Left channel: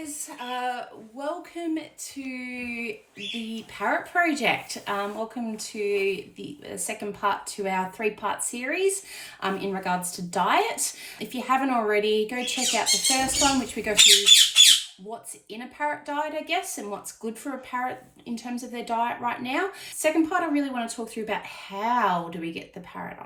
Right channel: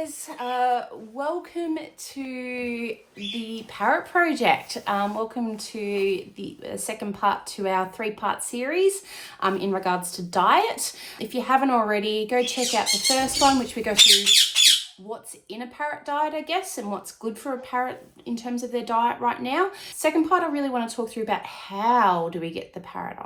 guys, welcome to the Parrot project. Welcome to the second part to our 3-part series in regards to diet. If you haven't already, go check out the first one, which we go through what's in a parrot diet, I guess, and what's good for a parrot in terms of their diet right now. Second part, I really want to talk through about how do we get the parrot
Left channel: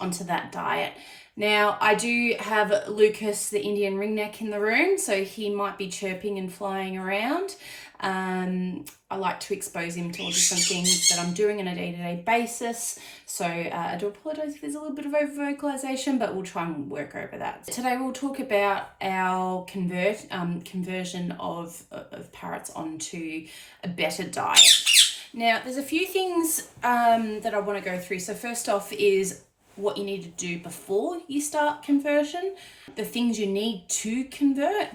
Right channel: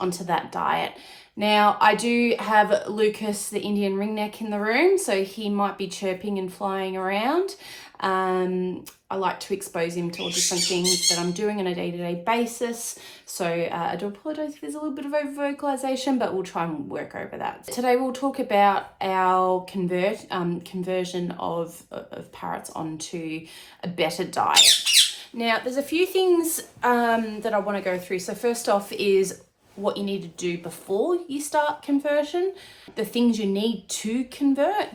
onto that diet. Now, I do have Lucas, the Indian ringneck, in the room, so he might be chirping and flying around. I like to expose him to all different things that I'm doing on a day-to-day basis. So I do apologize if there's a little bit of over-vocalization, but we'll try and work over that. Today we'll talk about our conversion of parrots onto a better diet. Now, there's a few things that I want to go through. So first off is what you need to do before you start conversion, the things you need to convert,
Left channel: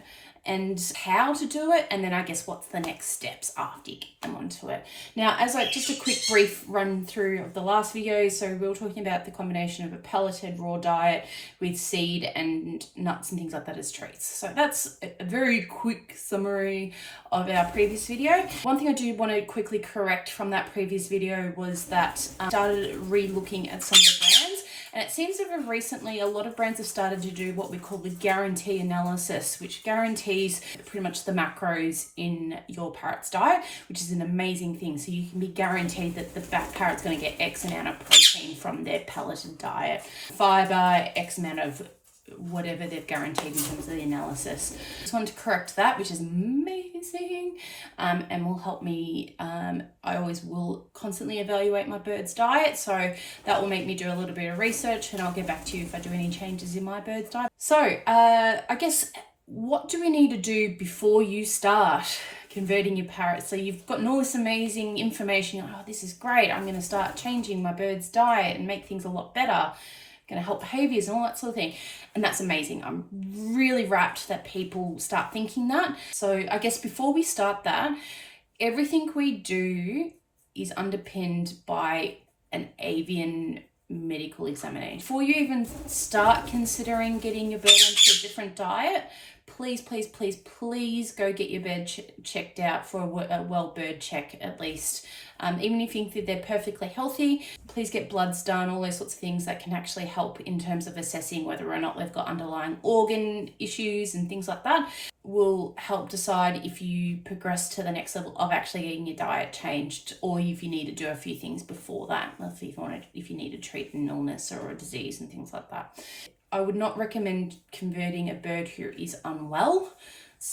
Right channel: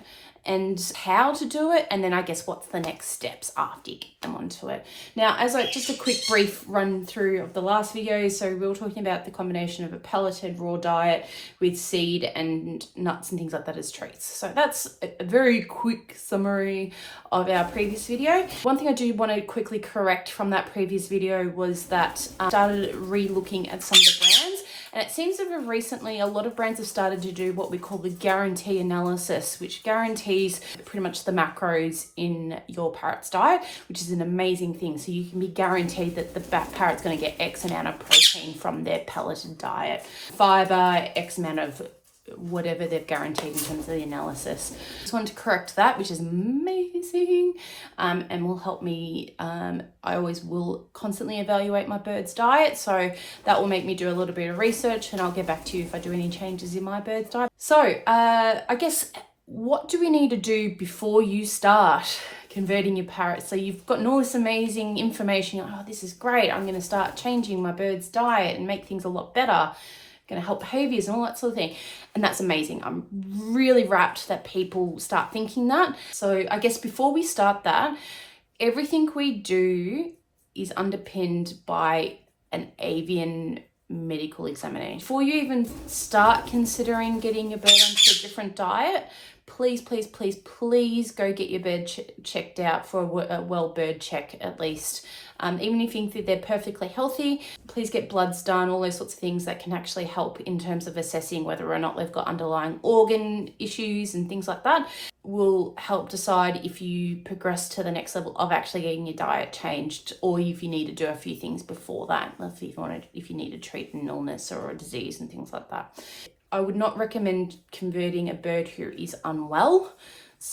and how to do it, and then I guess what's the next steps after you get them onto it. Now, just a quick brief run through of the last video. So we were talking about the combination of a pelleted raw diet with seed and nuts and things like that as treats. So that's a very quick summary of our previous video. One thing I do want to quickly correct from that previous video was that I started re-looking at some of the brands. And it seems that recently a lot of brands have started to do what we call the guarantee analysis, which guarantees pretty much the macros in your parrot's diet, which is an amazing thing. So you can be guaranteed that the parrot's going to get X amount of protein from their pelleted diet, fiber, X amount of whatever they've guaranteed in terms of the analysis. Just wanted to correct that, which is amazing, and will help me. I always will constantly evaluate my bird's diet, so that will make me do a little bit of research, and I'll get back to you if I do any changes in my bird's diet. So I guess, what do we need to do before you start converting your parrot? So you've got all this amazing information. Oh, this is great. I'm going to start changing my bird's diet and make things a lot better. Going to help behaviors and all that sort of thing. And that's amazing. I'm really rapt that people start thinking that. So I guess before we start that, everything we do is underpinned by an avian medical examination. Before you even start considering getting your bird onto a different diet, please go get your bird checked out for a well bird check at least. Even if you think that they're perfectly healthy, please get bloods done, all those sorts of things that can actually help in terms of assessing whether or not they've got underlying organ issues and things like that. Will help decide if you progress to the next level of actually getting your diet changed, or if you need to do a few things before that, if you need to treat an illness or a disease and things like that. I would not recommend converting a bird who is unwell.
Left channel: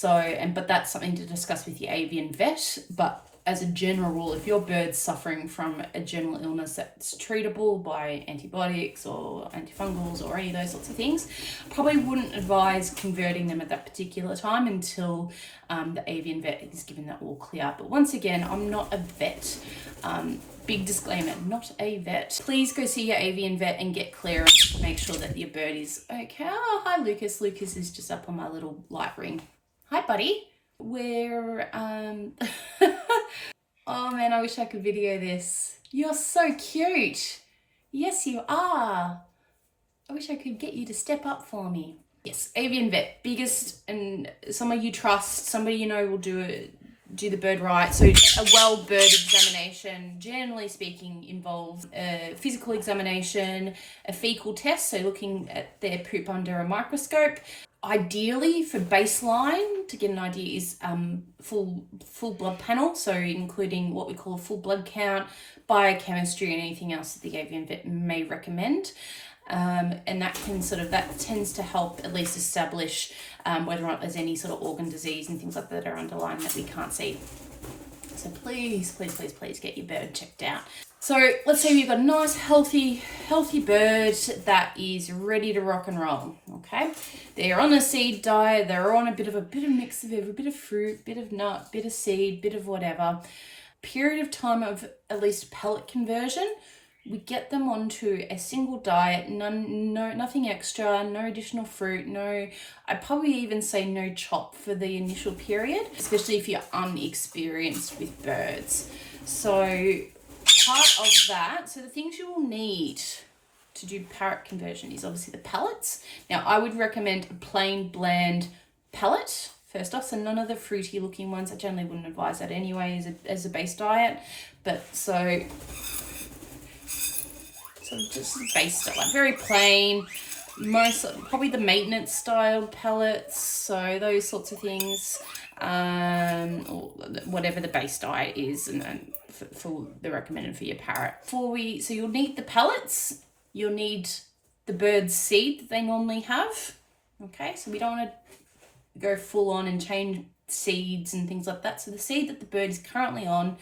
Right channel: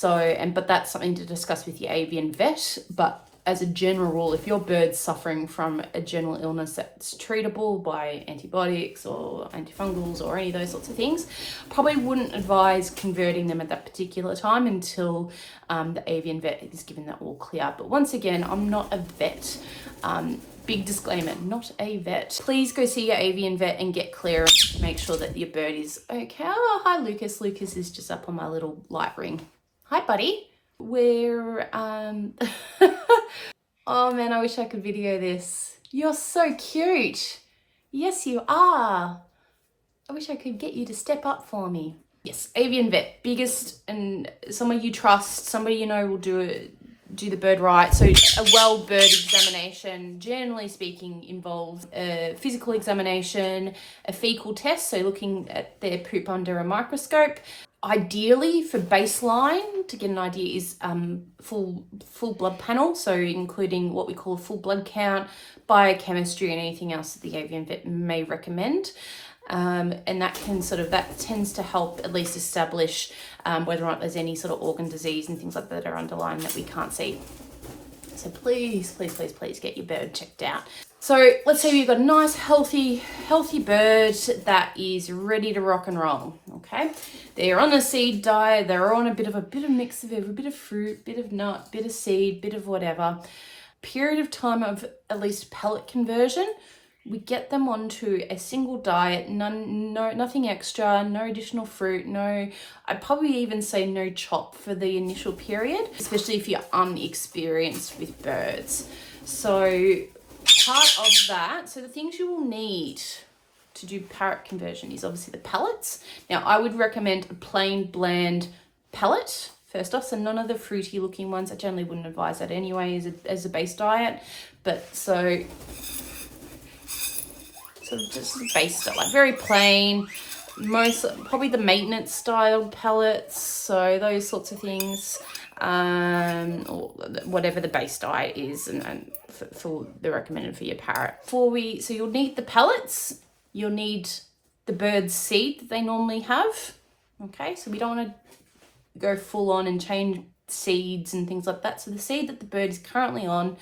But that's something to discuss with your avian vet. But as a general rule, if your bird's suffering from a general illness that's treatable by antibiotics or antifungals or any of those sorts of things, probably wouldn't advise converting them at that particular time until the avian vet is given that all clear. But once again, I'm not a vet. Big disclaimer, not a vet. Please go see your avian vet and get clearance to make sure that your bird is okay. Oh, hi, Lucas. Lucas is just up on my little light ring. Hi, buddy. We're, oh man, I wish I could video this. You're so cute. Yes, you are. I wish I could get you to step up for me. Yes, avian vet, biggest, and someone you trust, somebody you know will do the bird right. So a well bird examination, generally speaking, involves a physical examination, a fecal test, so looking at their poop under a microscope. Ideally, for baseline, to get an idea, is full blood panel, so including what we call a full blood count, biochemistry, and anything else that the avian vet may recommend. And that tends to help at least establish whether or not there's any sort of organ disease and things like that are underlying that we can't see. So please get your bird checked out. So let's say you've got a nice, healthy bird that is ready to rock and roll, okay? They're on a seed diet, they're on a bit of mix of every bit of fruit, bit of nut, bit of seed, bit of whatever. Period of time of at least pellet conversion, we get them onto a single diet, nothing extra, no additional fruit, I'd probably even say no chop for the initial period, especially if you're unexperienced with birds. So part of that, so the things you will need to do parrot conversion is obviously the pellets. Now, I would recommend a plain bland pellet first off. So none of the fruity looking ones, I generally wouldn't advise that anyway as a base diet. But so just base diet, like very plain, probably the maintenance style pellets, so those sorts of things, or whatever the base diet is, and for the recommended for your parrot. So you'll need the pellets, you'll need the bird's seed that they normally have. Okay, so we don't want to go full on and change seeds and things like that. So the seed that the bird is currently on,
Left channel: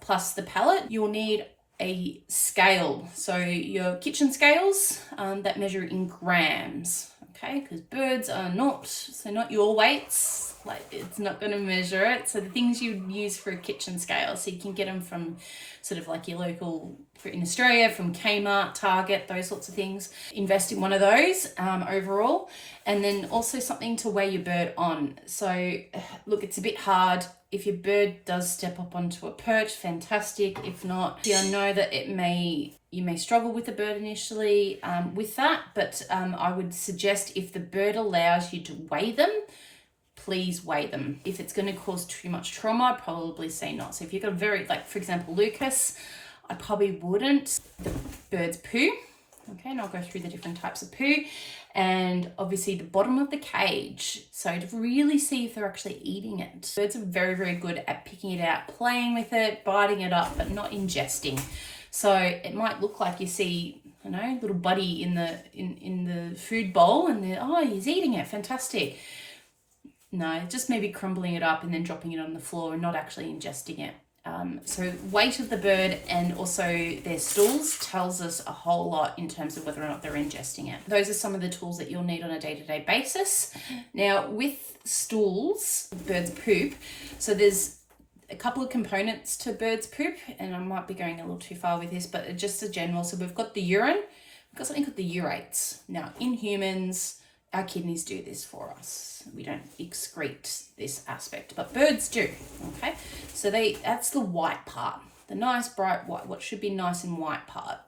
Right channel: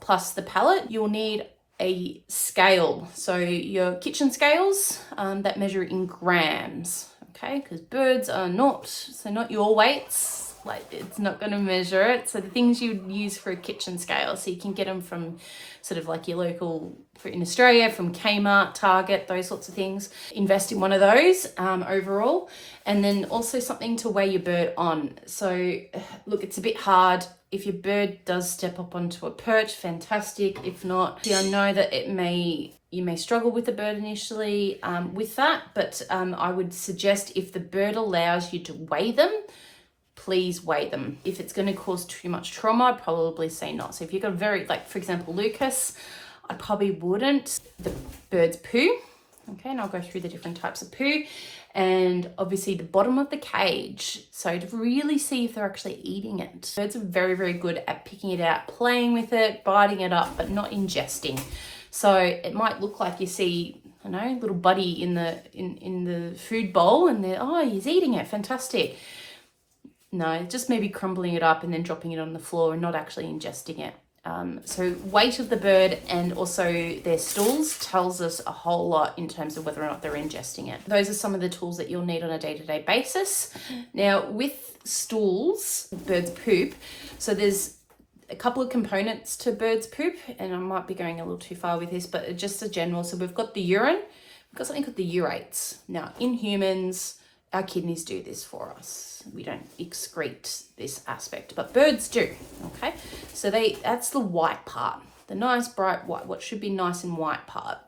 plus the pellet. You will need a scale, so your kitchen scales that measure in grams. Okay, because birds are not your weights. Like, it's not going to measure it. So the things you use for a kitchen scale, so you can get them from sort of like your local, in Australia, from Kmart, Target, those sorts of things. Invest in one of those overall. And then also something to weigh your bird on. So look, it's a bit hard. If your bird does step up onto a perch, fantastic. If not, I know that you may struggle with the bird initially with that, but I would suggest, if the bird allows you to weigh them, please weigh them. If it's going to cause too much trauma, I'd probably say not. So if you've got for example, Lucas, I probably wouldn't. The bird's poo, okay, and I'll go through the different types of poo, and obviously the bottom of the cage, so to really see if they're actually eating it. Birds are very, very good at picking it out, playing with it, biting it up, but not ingesting. So it might look like you see, I know, little budgie in the food bowl, and he's eating it, fantastic. No, just maybe crumbling it up and then dropping it on the floor and not actually ingesting it. So weight of the bird and also their stools tells us a whole lot in terms of whether or not they're ingesting it. Those are some of the tools that you'll need on a day-to-day basis. Now, with stools, birds poop, so there's a couple of components to birds poop, and I might be going a little too far with this, but just a general. So we've got the urine, we've got something called the urates. Now, in humans, our kidneys do this for us. We don't excrete this aspect, but birds do, okay? So that's the white part, the nice bright white, what should be nice and white part,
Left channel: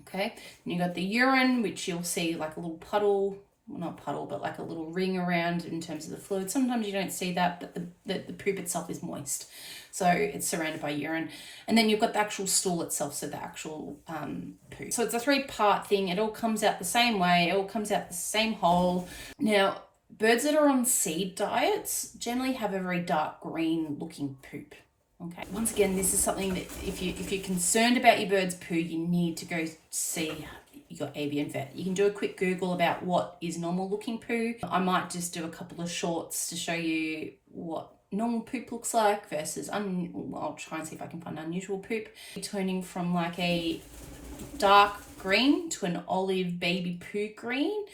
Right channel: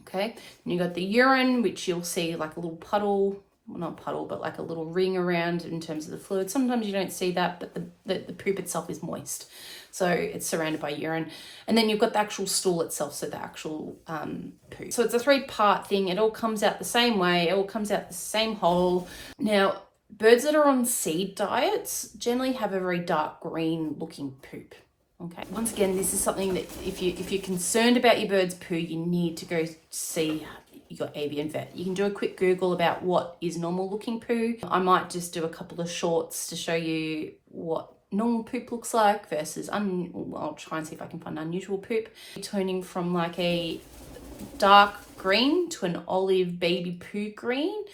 okay? And you got the urine, which you'll see like a little puddle, well, not puddle, but like a little ring around in terms of the fluid. Sometimes you don't see that, but the poop itself is moist. So it's surrounded by urine. And then you've got the actual stool itself, so the actual poo. So it's a 3-part thing. It all comes out the same way. It all comes out the same hole. Now, birds that are on seed diets generally have a very dark green looking poop. Okay. Once again, this is something that if you're concerned about your bird's poo, you need to go see your avian vet. You can do a quick Google about what is normal looking poo. I might just do a couple of shorts to show you what normal poop looks like versus I'll try and see if I can find unusual poop. Turning from like a dark green to an olive baby poo green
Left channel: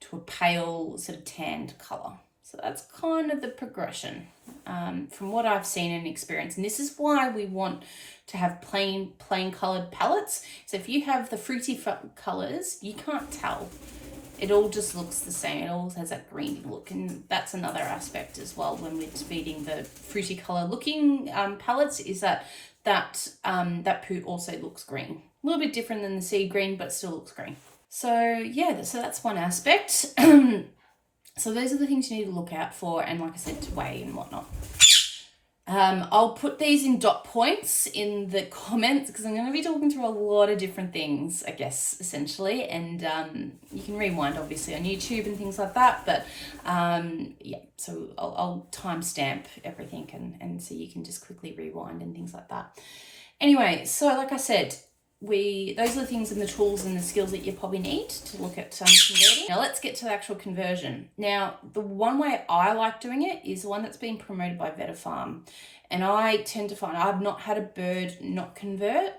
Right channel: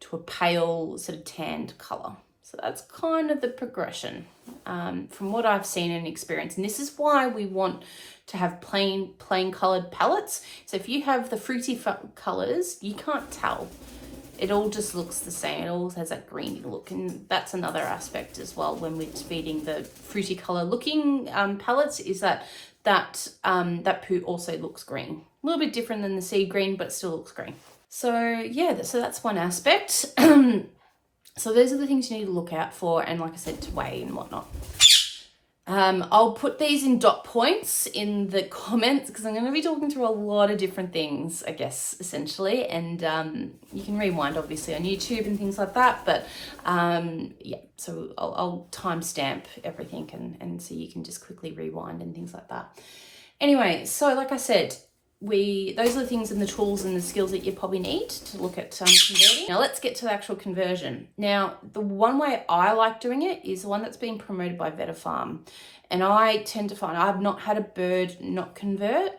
to a pale sort of tanned color. So that's kind of the progression from what I've seen and experienced. And this is why we want to have plain colored pellets. So if you have the fruity colors, you can't tell. It all just looks the same. It all has that greeny look, and that's another aspect as well when we're feeding the fruity color looking pellets, is that poo also looks green. A little bit different than the sea green, but still looks green. So yeah, so that's one aspect. So those are the things you need to look out for, and like I said, to weigh and whatnot. I'll put these in dot points in the comments because I'm going to be talking through a lot of different things, I guess, essentially. And you can rewind, obviously, on YouTube and things like that. But yeah, so I'll timestamp everything and so you can just quickly rewind and things like that. Anyway, so like I said, those are the things and the tools and the skills that you probably need to look at converting. Now let's get to the actual conversion. Now, the one way I like doing it is the one that's been promoted by VetaFarm. And I tend to find I've not had a bird not convert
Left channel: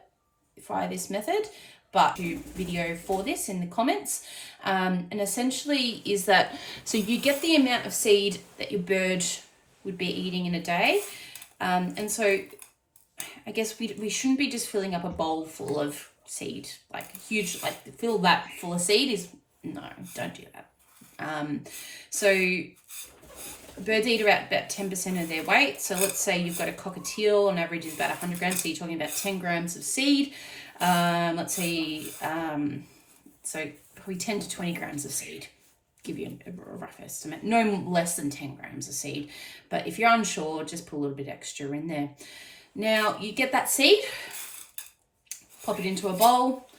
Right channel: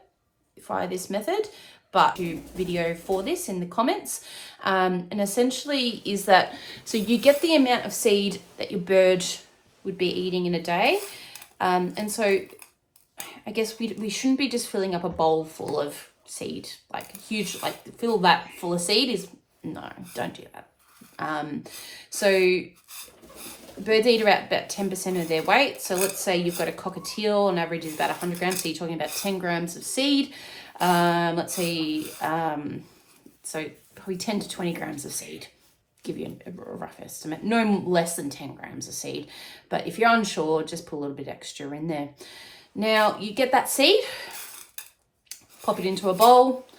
via this method, but do video for this in the comments. And essentially is that, so you get the amount of seed that your bird would be eating in a day. And so I guess we shouldn't be just filling up a bowl full of seed, like huge, like fill that full of seed no, don't do that. So birds eat about 10% of their weight. So let's say you've got a cockatiel, on average is about 100 grams. So you're talking about 10 grams of seed. Let's say, so probably 10 to 20 grams of seed. give you a rough estimate. No less than 10 grams of seed. But if you're unsure, just put a little bit extra in there. Now, you get that seed, pop it into a bowl.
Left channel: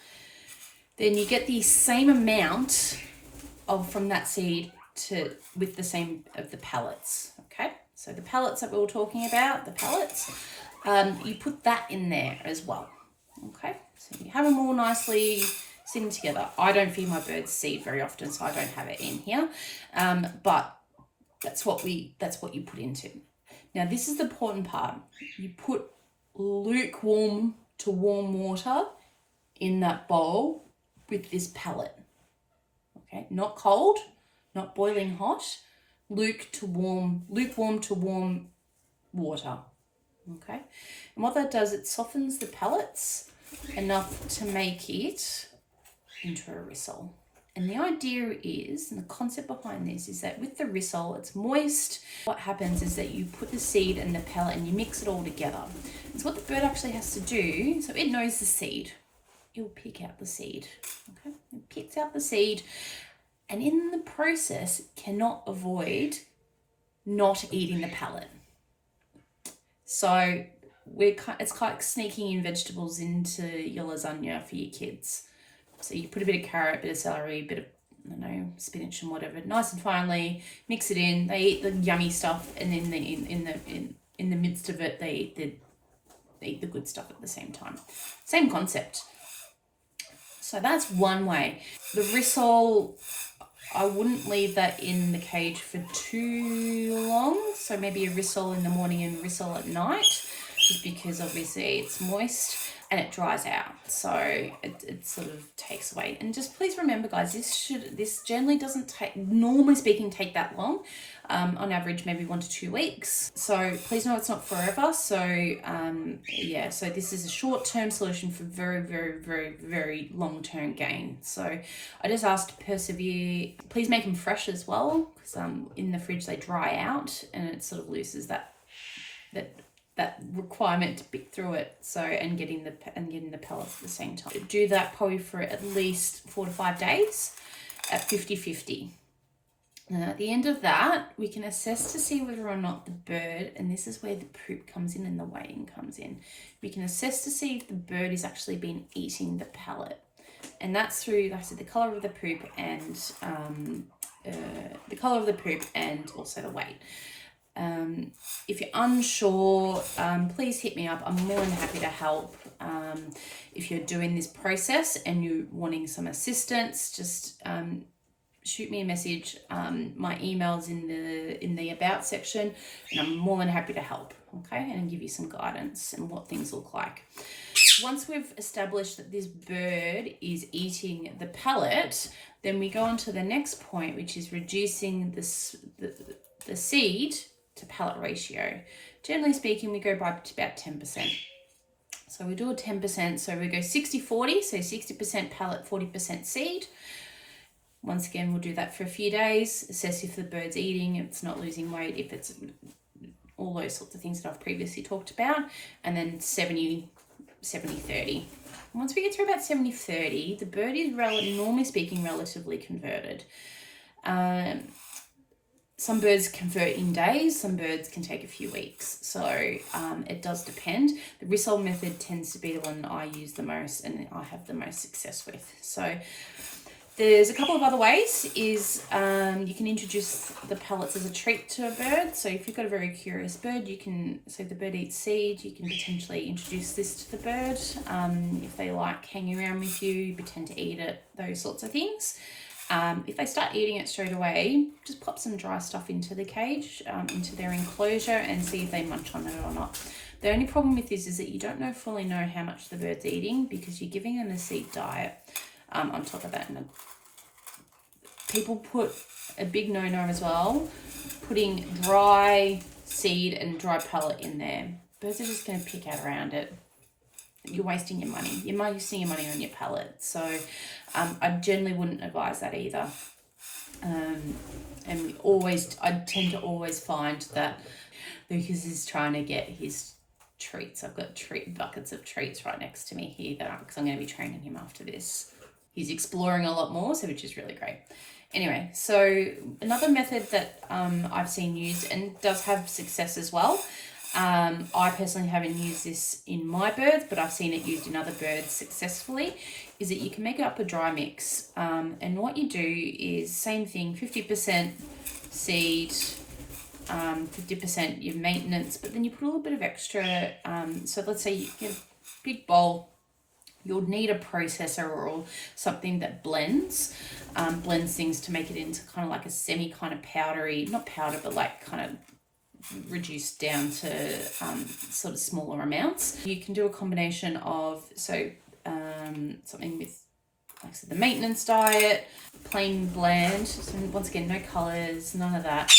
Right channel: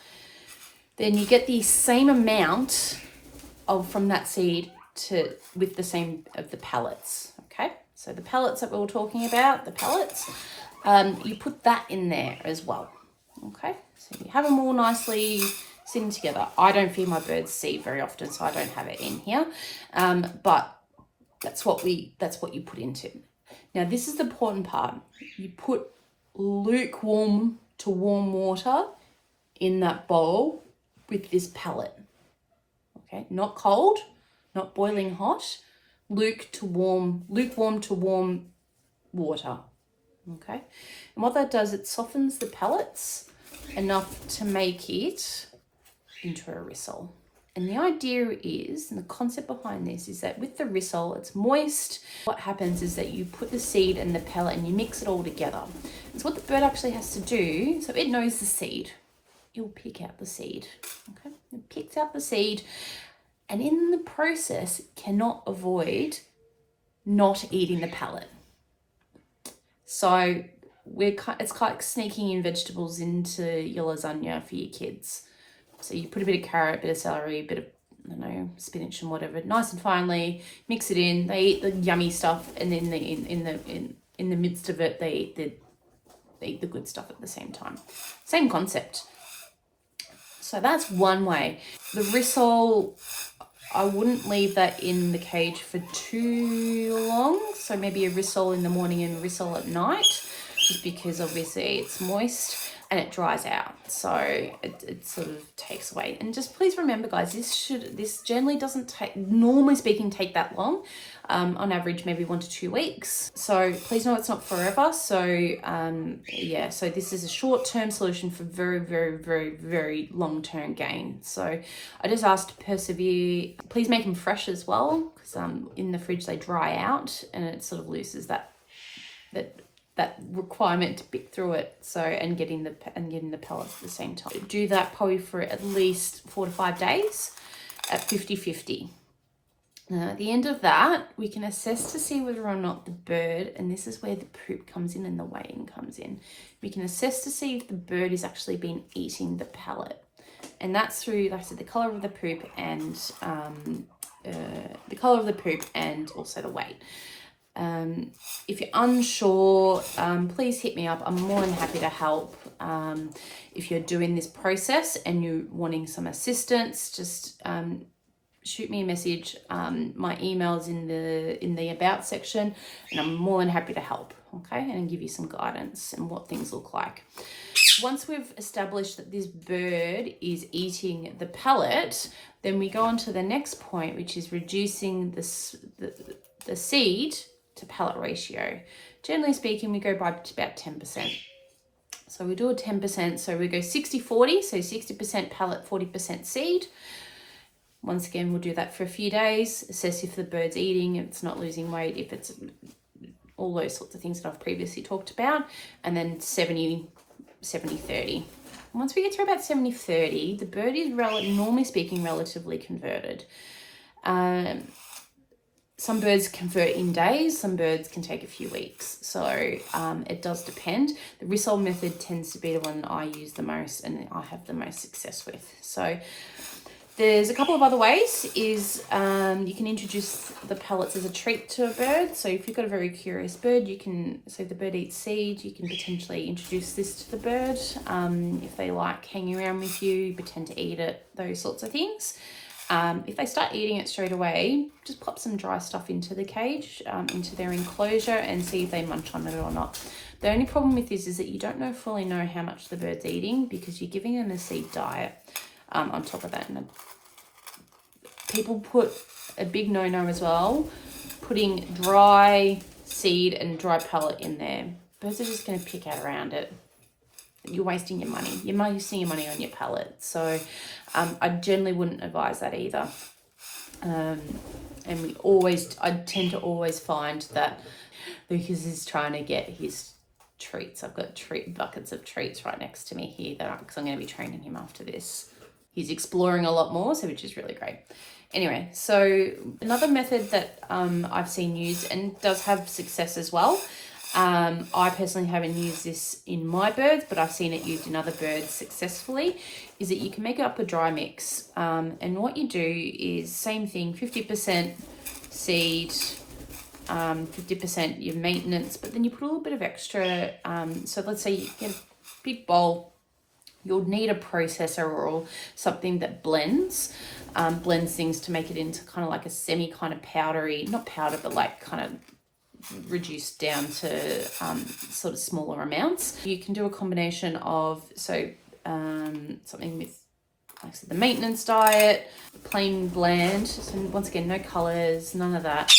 Then you get the same amount from that seed with the same of the pellets, okay? So the pellets that we were talking about, the pellets, you put that in there as well, okay? So you have them all nicely sitting together. I don't feed my birds seed very often, so I don't have it in here, but that's what you put into. Now, this is the important part. You put lukewarm to warm water in that bowl with this pellet, okay? Not cold, not boiling hot, lukewarm to warm water, okay? And what that does, it softens the pellets enough to make it into a rissole. And the idea is, and the concept behind this is that with the rissole, it's moist. What happens is that you put the seed and the pellet and you mix it all together. It's what the bird actually has to do. So it knows the seed. It'll pick out the seed, okay? It picks out the seed, and in the process, it cannot avoid not eating the pellet. So it's like sneaking in vegetables into your lasagna for your kids. So you put a bit of carrot, a bit of celery, a bit of, I don't know, spinach and whatever, nice and finely, mix it in. They eat the yummy stuff, and then in the midst of it, they eat the good stuff at the same time. Same concept. So that's one way. The rissole, I wouldn't leave that in the cage for too long. So maybe a rissole in the morning and a rissole at night, just because obviously it's moist and it dries out. So it sort of takes away. And just please remember, guys, this generally doesn't normally speaking, take that long. On average, maybe 1 to 2 weeks. So please know it's not forever. So yeah, so this is a short-term solution for very, very, very, very long-term gain. So I just asked to persevere. Please make them fresh as well, because in the fridge they dry out and it sort of loses that requirement to pick through it. So and getting the pellets at the same time. Do that probably for at least 4 to 5 days at 50-50. Now, at the end of that, we can assess to see whether or not the bird, and this is where the poop comes in and the weighing comes in, we can assess to see if the bird is actually been eating the pellet. And that's through, like I said, the colour of the poop and also the weight. If you're unsure, please hit me up. I'm more than happy to help. If you're doing this process and you're wanting some assistance, just shoot me a message. My email's in the about section, and I'm more than happy to help, okay, and give you some guidance and what things look like. Once we've established that this bird is eating the pellet, then we go on to the next point, which is reducing the seed to pellet ratio. Generally speaking, we go by about 10%. So we do a 10%, so we go 60-40, so 60% pellet, 40% seed. Once again, we'll do that for a few days, assess if the bird's eating, if it's not losing weight, if it's all those sorts of things that I've previously talked about, and then 70-30. Once we get to about 70-30, the bird is, normally speaking, relatively converted. Some birds convert in days, some birds can take a few weeks. So it does depend. The rissole method tends to be the one I use the most and I have the most success with. So there's a couple of other ways. You can introduce the pellets as a treat to a bird. So if you've got a very curious bird, so the bird eats seed, you can potentially introduce this to the bird. If they like hanging around with you pretend to eat it, those sorts of things. If they start eating it straight away, just pop some dry stuff into the cage, into their enclosure, and see if they munch on it or not. The only problem with this is that you don't fully know how much the bird's eating because you're giving them a seed diet on top of that. And people put a big no-no as well, putting dry seed and dry pellet in there. Birds are just going to pick out around it. You're wasting your money. You're wasting your money on your pellet. So I generally wouldn't advise that either. And I tend to always find that Lucas is trying to get his treats. I've got buckets of treats right next to me here because I'm going to be training him after this. He's exploring a lot more, which is really great. Anyway, so another method that I've seen used and does have success as well. I personally haven't used this in my birds, but I've seen it used in other birds successfully, is that you can make up a dry mix. And what you do is same thing, 50% seed, 50% your maintenance, but then you put a little bit of extra. So let's say you get a big bowl, you'll need a processor or something that blends things to make it into kind of like a semi kind of powdery, not powder, but like kind of reduced down to sort of smaller amounts. You can do a combination of, so something with, like I said, the maintenance diet, plain bland, so once again, no colors, none of that.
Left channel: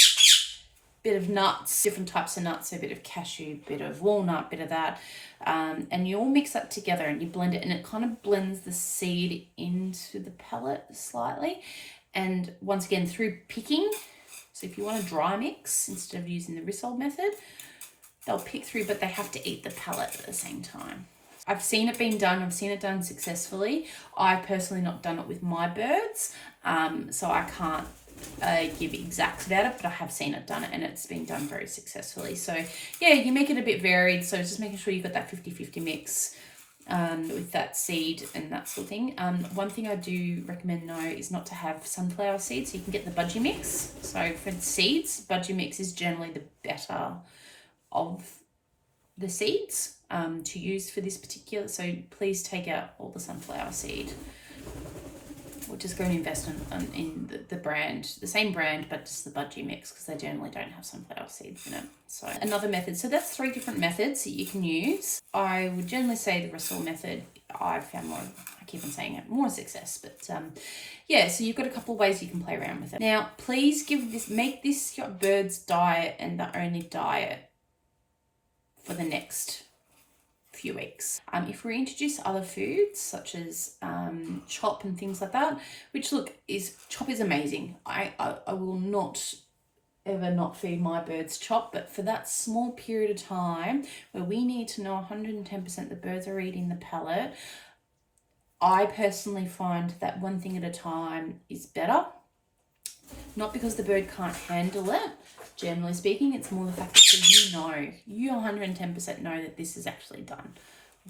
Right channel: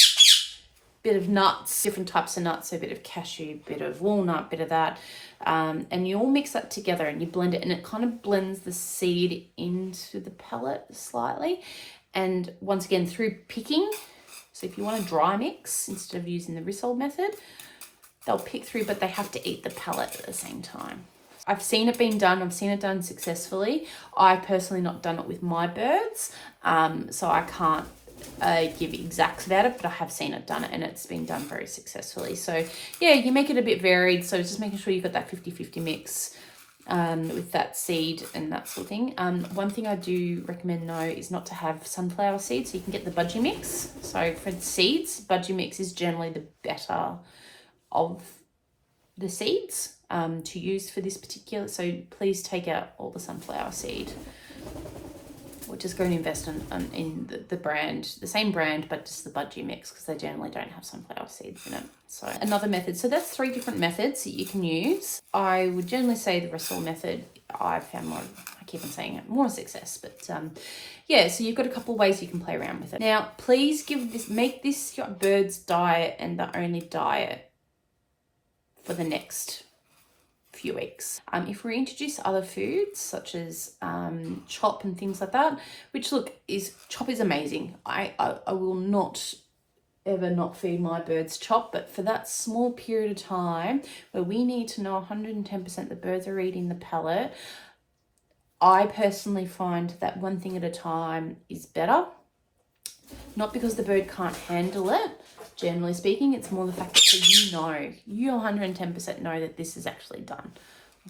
Bit of nuts, different types of nuts, so a bit of cashew, bit of walnut, bit of that, and you all mix that together and you blend it, and it kind of blends the seed into the pellet slightly. And once again, through picking, so if you want a dry mix instead of using the Rissole method, they'll pick through, but they have to eat the pellet at the same time. I've seen it being done. I've seen it done successfully. I personally not done it with my birds, so I can't give exacts about it, but I have seen it done, and it's been done very successfully. So yeah, you make it a bit varied. So just making sure you've got that 50-50 mix with that seed and that sort of thing. One thing I do recommend though is not to have sunflower seeds. So you can get the budgie mix. So for seeds, budgie mix is generally the better of the seeds to use for this particular. So please take out all the sunflower seed. We're just going to invest in the brand, the same brand, but just the budgie mix, because they generally don't have sunflower seeds in it. So another method. So that's 3 different methods that you can use. I would generally say the Rissole method, I found more, I keep on saying it, more success. But yeah, so you've got a couple of ways you can play around with it. Now, please make this your bird's diet and the only diet for the next few weeks. If we introduce other foods such as chop and things like that, which chop is amazing. I will not ever not feed my birds chop, but for that small period of time where we need to know 110% the birds are eating the pellet, I personally find that one thing at a time is better. Not because the bird can't handle it. Generally speaking, it's more the fact that you 110% know that this is actually done.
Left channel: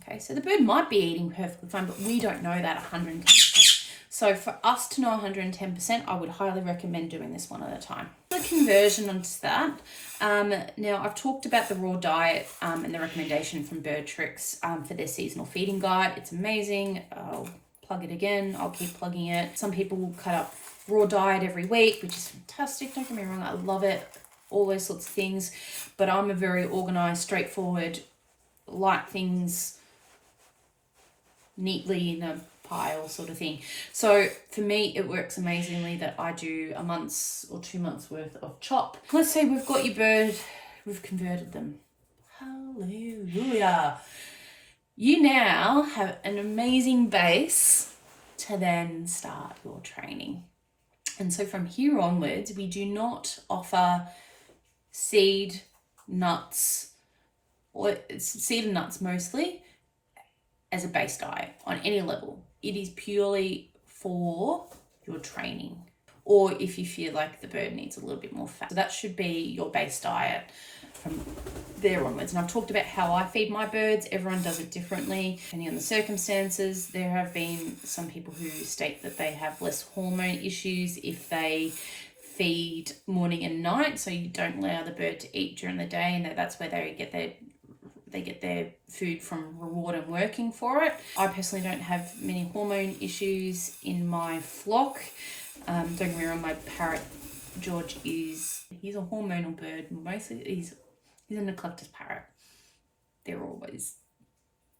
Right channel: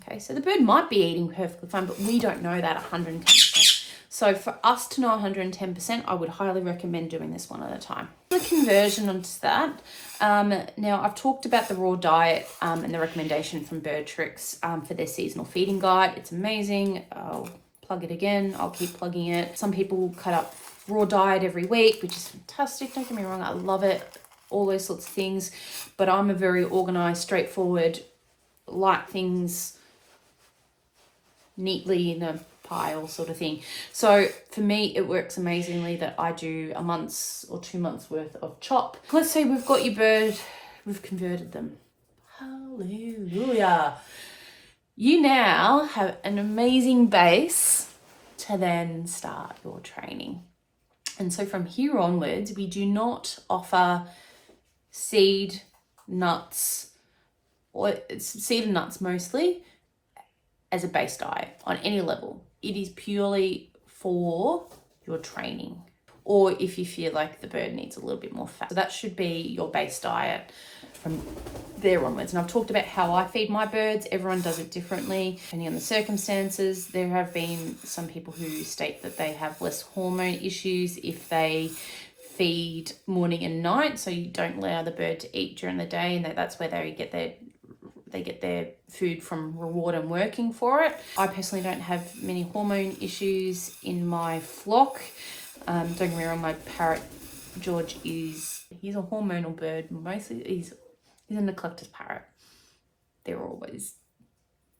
Okay, so the bird might be eating perfectly fine, but we don't know that 110%. So for us to know 110%, I would highly recommend doing this one at a time. The conversion onto that. Now, I've talked about the raw diet and the recommendation from Bird Tricks for their seasonal feeding guide. It's amazing. I'll plug it again. I'll keep plugging it. Some people cut up raw diet every week, which is fantastic. Don't get me wrong, I love it. All those sorts of things, but I'm a very organized, straightforward, like things neatly in a pile sort of thing. So for me, it works amazingly that I do a month's or 2 months worth of chop. Let's say we've got your bird, we've converted them. Hallelujah. You now have an amazing base to then start your training. And so from here onwards, we do not offer seed, nuts, or seed and nuts mostly, as a base diet on any level. It is purely for your training, or if you feel like the bird needs a little bit more fat. So that should be your base diet from there onwards. And I've talked about how I feed my birds. Everyone does it differently, depending on the circumstances. There have been some people who state that they have less hormone issues if they feed morning and night, so you don't allow the bird to eat during the day, and that's where they get their food from reward and working for it. I personally don't have many hormone issues in my flock. Don't get me wrong, my parrot George he's a hormonal bird. Mostly he's a neglected parrot. They're always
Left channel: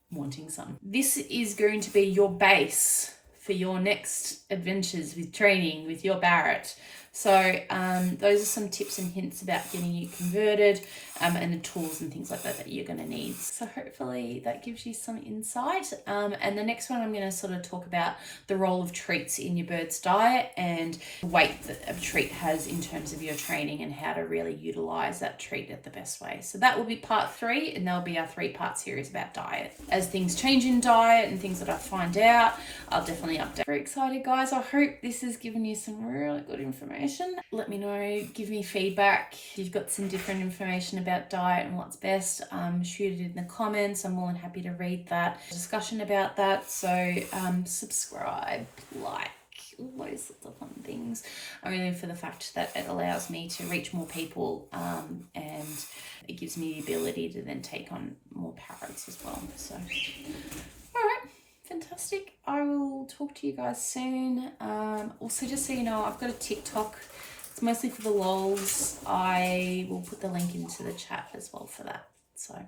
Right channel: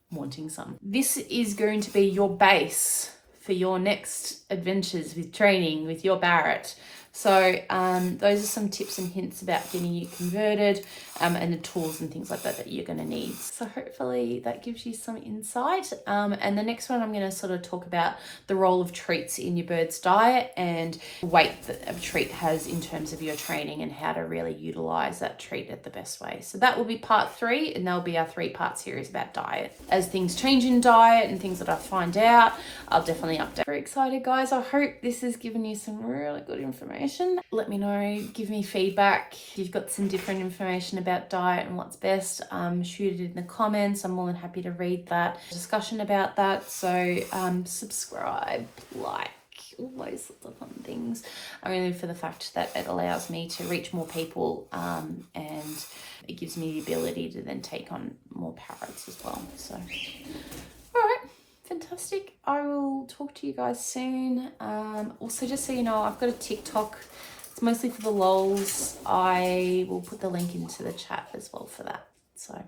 wanting some. This is going to be your base for your next adventures with training with your parrot. So those are some tips and hints about getting you converted, and the tools and things like that you're going to need. So hopefully that gives you some insight. And the next one, I'm going to sort of talk about the role of treats in your bird's diet and the weight that a treat has in terms of your training and how to really utilize that treat at the best way. So that will be part 3, and that'll be our 3-part series about diet. As things change in diet and things that I find out, I'll definitely update. Very excited, guys. I hope this has given you some really good information. Let me know, give me feedback. If you've got some different information about diet and what's best, shoot it in the comments. I'm more than happy to read that discussion about that. So subscribe, like, all those sorts of fun things, only for the fact that it allows me to reach more people, and it gives me the ability to then take on more parrots as well. So all right, fantastic. I will talk to you guys soon. Also, just so you know, I've got a TikTok. It's mostly for the lols. I will put the link into the chat as well for that. So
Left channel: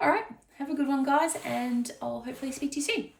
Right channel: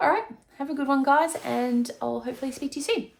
all right, have a good one, guys, and I'll hopefully speak to you soon.